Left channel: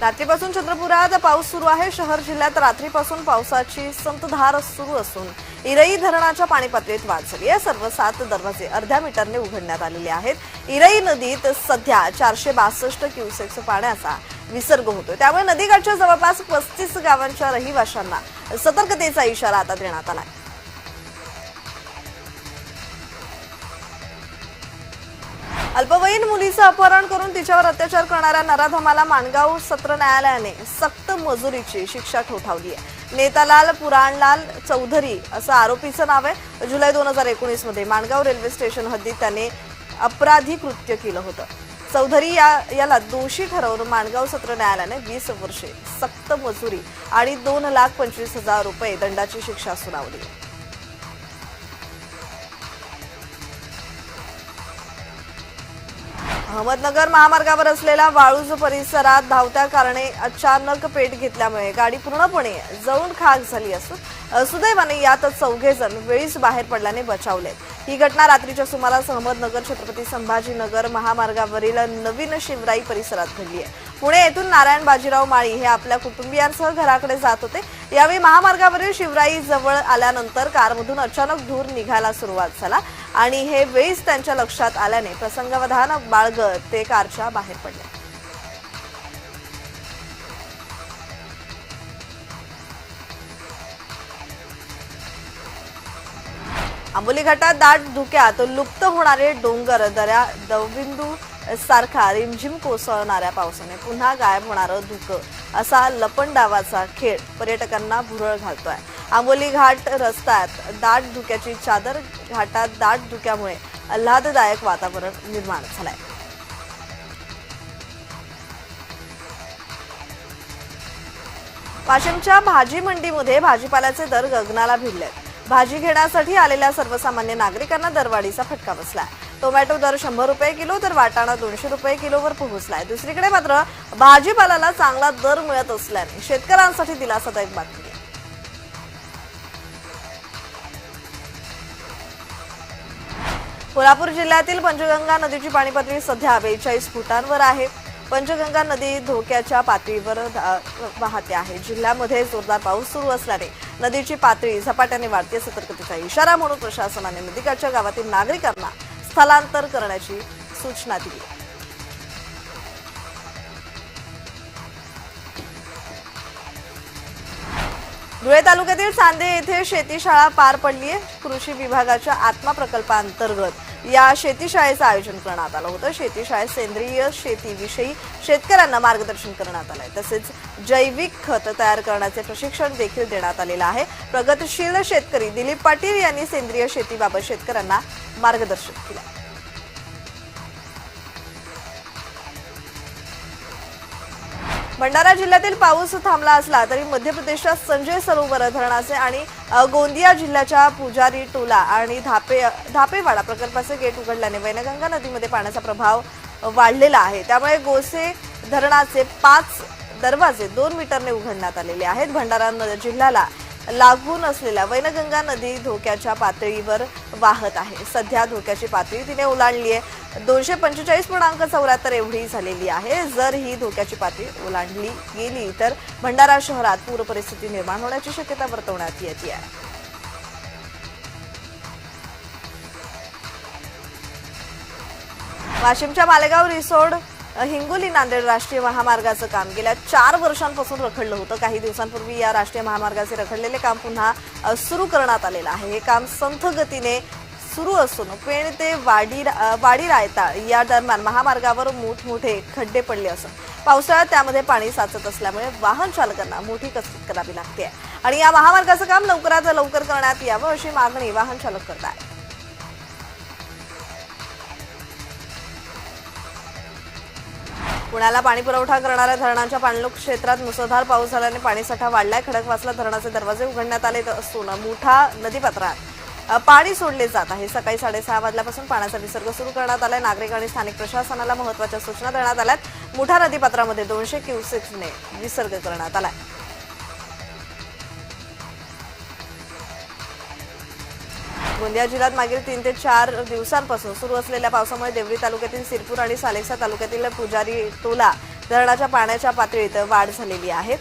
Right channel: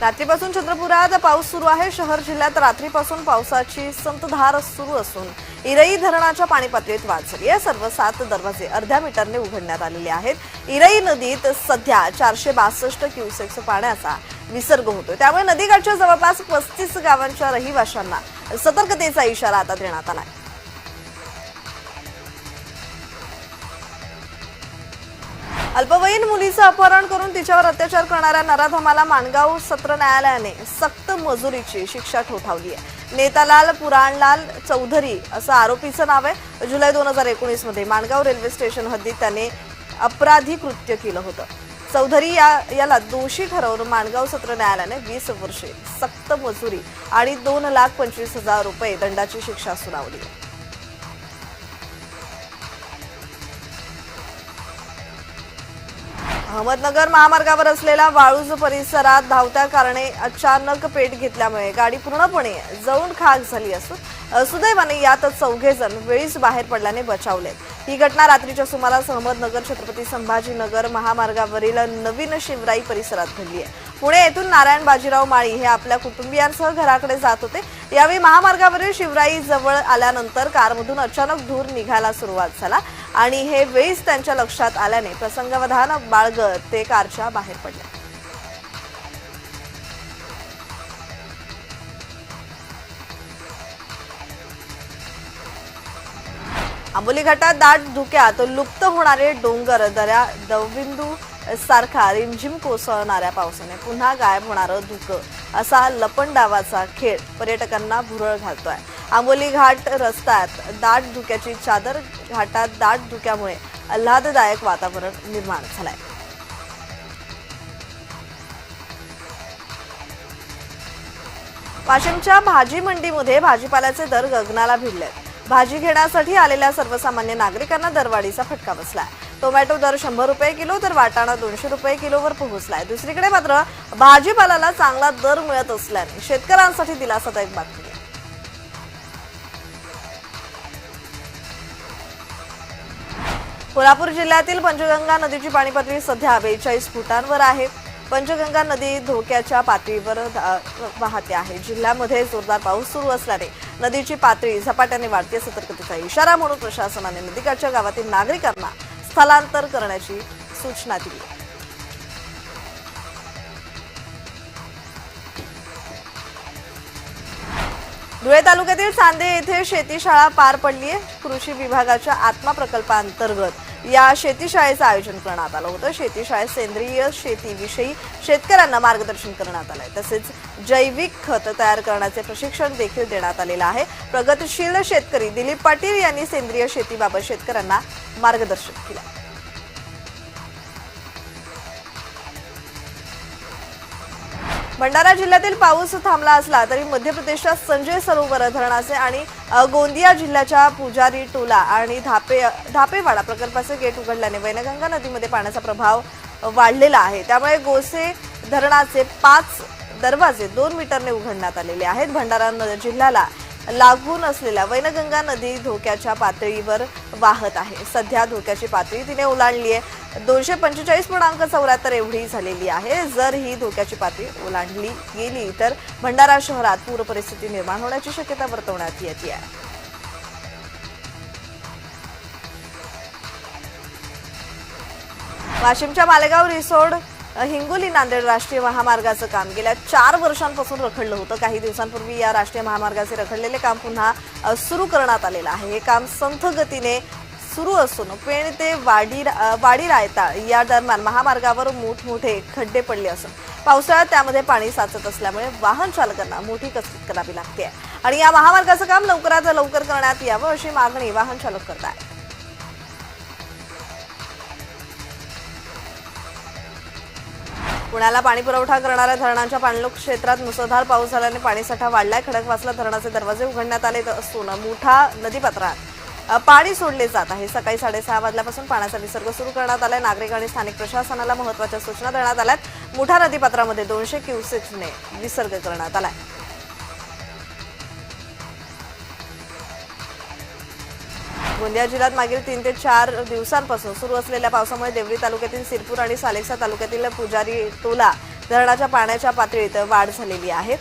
रात्रीपासून चंद्रपुरात पाऊस सुरू आहे. शहर जिल्ह्यात रात्रीपासून पावसाची संतधार सुरू असून इरई धरणाच्या पाणी पातळीत वाढ झाली आहे. सर्व सात दरवाजे अर्ध्या मीटरने उघडण्यात आलेले आहेत. इरई नदीत सध्या चारशे बासष्ट क्युसेक्स पाण्याचा विसर्ग होतोय. त्यामुळे नदीकाठच्या जवळपास पस्तीस गावांच्या रहिवाशांना सतर्कतेचा इशारा आता देण्यात आला अल्पवयीन मुलीचं अपहरण करून तिच्यावर अत्याचार करणाऱ्या नराधमाला माणगाव सत्र न्यायालयाने सक्त मजुरीची शिक्षा ठोठावली आहे. नेतालाल पुराणलाल चौधरी असं आरोपीचं नाव आहे. जुलै दोन हजार एकोणीसमध्ये माणगाव रेल्वे स्टेशन हद्दीत त्याने अपराधी कृत्य केलं होतं. चौधरी या याला दोषी ठरवून माणगाव सत्र न्यायालयाने वीस वर्षे सक्त मजुरी आणि दोन लाख पंचवीस हजार रुपये दंडाची शिक्षा सुनावली आहे. अहमदनगर महामार्गावर असलेल्या वाळूज परिसरात धावत्या कारणे अचानक पेट घेतल्यामुळे गाडी पूर्णपणे जळून खाक झाली असून सुदैवाने यात चौघे जण वेळीच बाहेर पडल्याने बचावले. ही घटना रात्रीच्या सुमारास अहमदनगर छत्रपती संभाजीनगर महामार्गावरील नवीन शिवराई परिसरात घडली आहे. पुणे येथून नारायण बाजीराव माळी हे आपल्या कुटुंबियांसह घराकडे जात होते. यावेळी महामार्गावरील शिवराई जवळ आल्यानंतर कारमधून अचानक धूर निघायला सुरुवात झाला आणि हे वेळीच त्यांच्या लक्षात आल्याने प्रसंगावधान बाळगत ते कारच्या बाहेर पडले. आंबोली घाटात दाट धुक्यात लुप्त होणारे डोंगर दऱ्या दवबिंदू सारखा रिमझिम कोसळणाऱ्या पावसाने पुन्हा गायब होणारं धुकं असा लपंडावाचा खेळ पर्यटकांना भुरळ घालतोय. आंबोली घाट रस्त्यात दाट धुक्याची चादर घाटात दाट धुक्यामुळे आल्हाददायक वातावरण निर्माण झालंय. वाशिमच्या भाजी मंडीमध्ये भाजीपाल्याचे दर गगनाला भिडलेत. भाजी घेण्यासाठी आलेल्या सर्वसामान्य नागरिकांना दरवाढीचा फटका बसलाय. टोमॅटो दर शंभर रुपये किलो तर वाटाणा दोनशे रुपये किलोवर पोहोचलाय. दुसरीकडे मात्र भाजीपाल्याला चांगला दर मिळत असल्याने शेतकऱ्यांसाठी दिलासादायक बातमी. आहे. कोल्हापूर जिल्ह्यातील पंचगंगा नदीची पाणी पातळी सध्या बेचाळीस फुटांवर आहे. पंचगंगा नदी धोक्याच्या पातळीवर वाहते आहे. जिल्ह्यामध्ये जोरदार पाऊस सुरू असल्याने नदीची पातळी झपाट्याने वाढते सतर्कतेचा इशारा म्हणून प्रशासनाने नदीकाठच्या गावातील नागरिकांना स्थलांतर करण्याची सूचना दिली. धुळे तालुक्यातील चांदे येथे शेतीशाळा पार पडली आहे कृषी विभागाच्या आत्मा प्रकल्पांतर्गत या शेतीशाळेचं आयोजन करण्यात आलं होतं. शेतीशाळेत सेंद्रिय शेतीविषयी शेतकऱ्यांना मार्गदर्शन करण्यात आलंय. तसेच जैविक खत तयार करण्याचे प्रशिक्षण देखील देण्यात आलेलं आहे. प्रगतशील शेतकरी दिलीप पाटील यांनी सेंद्रिय शेतीबाबत शेतकऱ्यांना मार्गदर्शन केलं. भंडारा जिल्ह्यातील पाऊस थांबला असला तरी मध्य प्रदेशात संजय सरोवर धरणाचे आणि गोंदिया जिल्ह्याच्या पुजारी टोला आणि धापे धापेवाडा प्रकल्पाचे गेट उघडल्याने वैनगंगा नदीमध्ये पाण्याचा प्रभाव वाढलेला आहे. त्यामुळे गोसे धरणाचे पाच दरवाजे दोन मीटरने उघडण्यात आलेले आहेत. भंडारा न- जिल्ह्याला लागून असलेल्या वैनगंगा नदी धोक्याच्या पातळीवर वाहत आहे. सध्या धोक्याची पातळी तिने ओलांडली आहे. दोनशे पंचेचाळीस पूर्णांक चौऱ्याहत्तर एवढी झालेली आहे. जर ही धोक्याची पातळी ओलांडली गेली तर भंडारा शहरात पूर परिस्थिती निर्माण होण्याची शक्यता वर्तवण्यात येते आहे. वाशिमच्या मालेगाव रिसोड हिंगोली नांदेड राष्ट्रीय महामार्गाचं काम. गेल्या चार वर्षांपासून रखडलं होतं. काही दिवसांपूर्वी या राष्ट्रीय महामार्गाचे रखडलेले काम पुन्हा सुरू करण्यात आलेलं आहे. हे काम संथ गतीने सुरू असून पेण ते वाडी वाडी रायताळ या दरम्यान महामार्गावर मोठमोठे खड्डे पडले असून पावसाळ्यात त्यामध्ये पाणी साचत असल्यामुळे वाहन चालकांना मोठी कसरत करावी लागते. आणि या महामार्गाचं काम लवकरात लवकर करण्यात यावं अशी मागणी वाहन चालक करत आहेत पुण्याला पाणी पुरवठा करणाऱ्या धरणांच्या पाणलोक क्षेत्रात मुसळधार पाऊस झाल्याने पाणीसाठा वाढलाय. खडकवासला धरणाचे दरवाजे उघडण्यात आले असून मुठा नदीपात्रात पाणी सोडले जात आहे. सकाळी साडेसहा वाजल्यापासून पाण्याचा विसर्ग सुरू करण्यात आलाय. नागरिक आणि स्थानिक प्रशासनाला महत्त्वाच्या सूचना देण्यात आल्यात. मुठा नदीपात्रामध्ये दोनशे क्युसेक्सने विसर्ग करण्यात आलाय. गोंदिया जिल्ह्यात मागील तीन ते चार दिवसांपासून सुरू असलेल्या पावसामुळे देवरी तालुक्यातील सिरपूर आणि सालेक्सा तालुक्यातील पुजारी टोला धरणाच्या पाण्याच्या पातळीत वाढ झालेली आहे.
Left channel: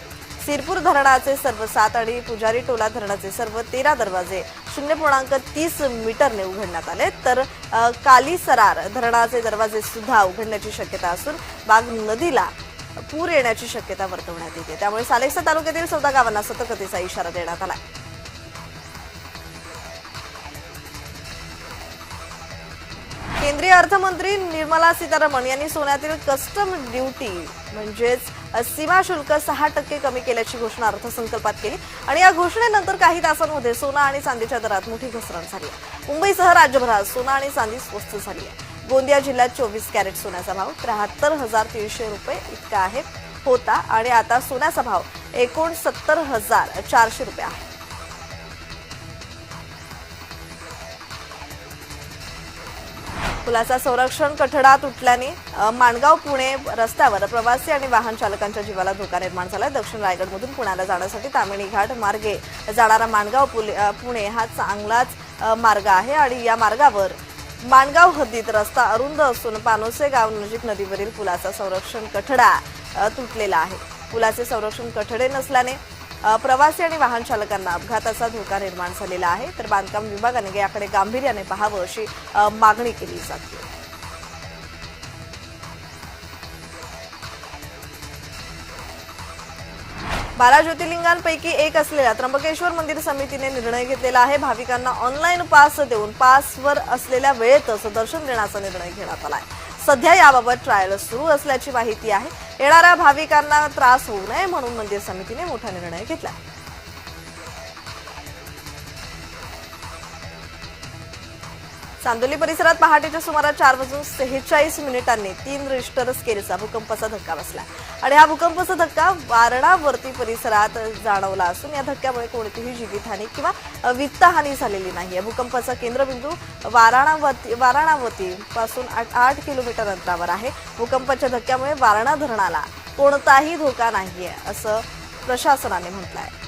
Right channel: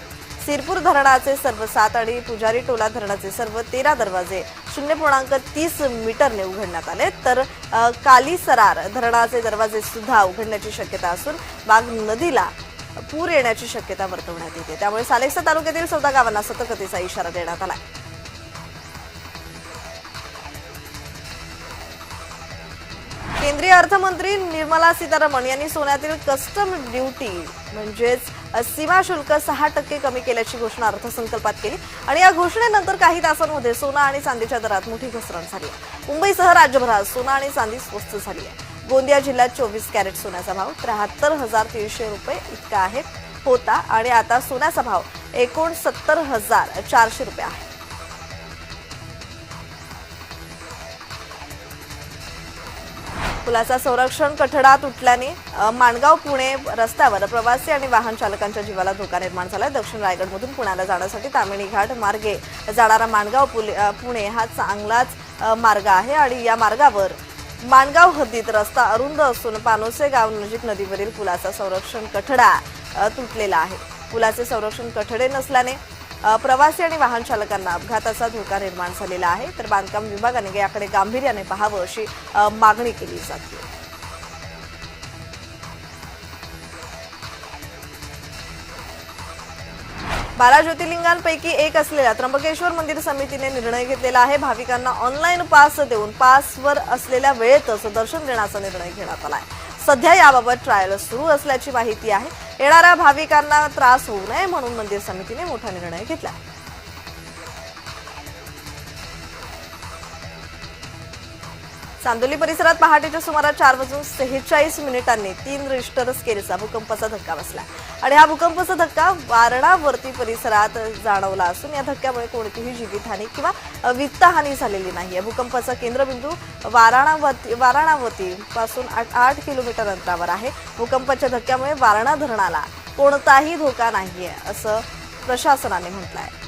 सिरपूर धरणाचे सर्व सात आणि पुजारी टोला धरणाचे सर्व तेरा दरवाजे शून्य पूर्णांक तीस मीटरने उघडण्यात आले. तर कालीसरार धरणाचे दरवाजे सुद्धा उघडण्याची शक्यता असून बाग नदीला पूर येण्याची शक्यता वर्तवण्यात येते. त्यामुळे सालेक्सा तालुक्यातील चौदा गावांना सतर्कतेचा इशारा देण्यात आला केंद्रीय अर्थमंत्री निर्मला सीतारामन यांनी सोन्यातील कस्टम ड्युटी म्हणजेच सीमा शुल्क सहा टक्के कमी केल्याची घोषणा अर्थसंकल्पात केली. आणि या घोषणेनंतर काही तासांमध्ये सोना आणि चांदीच्या दरात मोठी घसरण झाली. आहे. मुंबईसह राज्यभरात सोना आणि चांदी स्वस्त झाली आहे. गोंदिया जिल्ह्यात चोवीस कॅरेट सोन्याचा भाव त्र्याहत्तर हजार तीनशे रुपये इतका आहे होता. आणि आता सोन्याचा भाव एकोणसत्तर हजार चारशे रुपये आहे. पुलाचा संरक्षण कठडा तुटल्याने माणगाव पुणे रस्त्यावर प्रवासी आणि वाहन चालकांच्या जीवाला धोका निर्माण झाला दक्षिण रायगडमधून पुण्याला जाण्यासाठी तामिणी घाट मार्गे जाणारा माणगाव पुले- पुणे हा चांगलाच मार्ग आहे आणि या मार्गावर माणगाव हद्दीत रस्ता अरुंद असून पानोसे गाव नजीक नदीवरील पुलाचा संरक्षण कठडा तुटलेला आहे. पुलाचे संरक्षण कठडे नसल्याने प्रवासी आणि वाहन चालकांना अपघाताचा धोका निर्माण झालेला आहे. तर बांधकाम विभागाने याकडे गांभीर्याने पाहावं अशी मागणी केली जाते. बारा ज्योतिर्लिंगांपैकी एक असलेल्या त्र्यंबकेश्वर मंदिर समितीने निर्णय घेतलेला आहे. भाविकांना ऑनलाईन पास देऊन पासवर असलेल्या वेळेतच दर्शन देण्याचा निर्णय घेण्यात आला आहे. सध्या याबाबत ट्रायल सुरू असल्याची माहिती आहे. येणाऱ्या भाविकांना त्रास होऊ नये म्हणून मंदिर समितीने मोठा निर्णय घेतला चांदोली परिसरात पहाटेच्या सुमारास चार वाजून सेहेचाळीस मिनिटांनी तीन रिश्टर स्केलचा भूकंपाचा धक्का बसला. आणि हा भूकंपाचा धक्का वारणावर्ती परिसरात जाणवला असून या धक्क्यामुळे कोणतीही जीवितहानी किंवा वित्तहानी झालेली नाही. या भूकंपाचा केंद्रबिंदू वाराणावती वाराणावती पासून आठ आठ किलोमीटर अंतरावर आहे. भूकंपाच्या धक्क्यामुळे वारणा धरणाला कोणताही धोका नाहीये असं प्रशासनाने म्हटलं आहे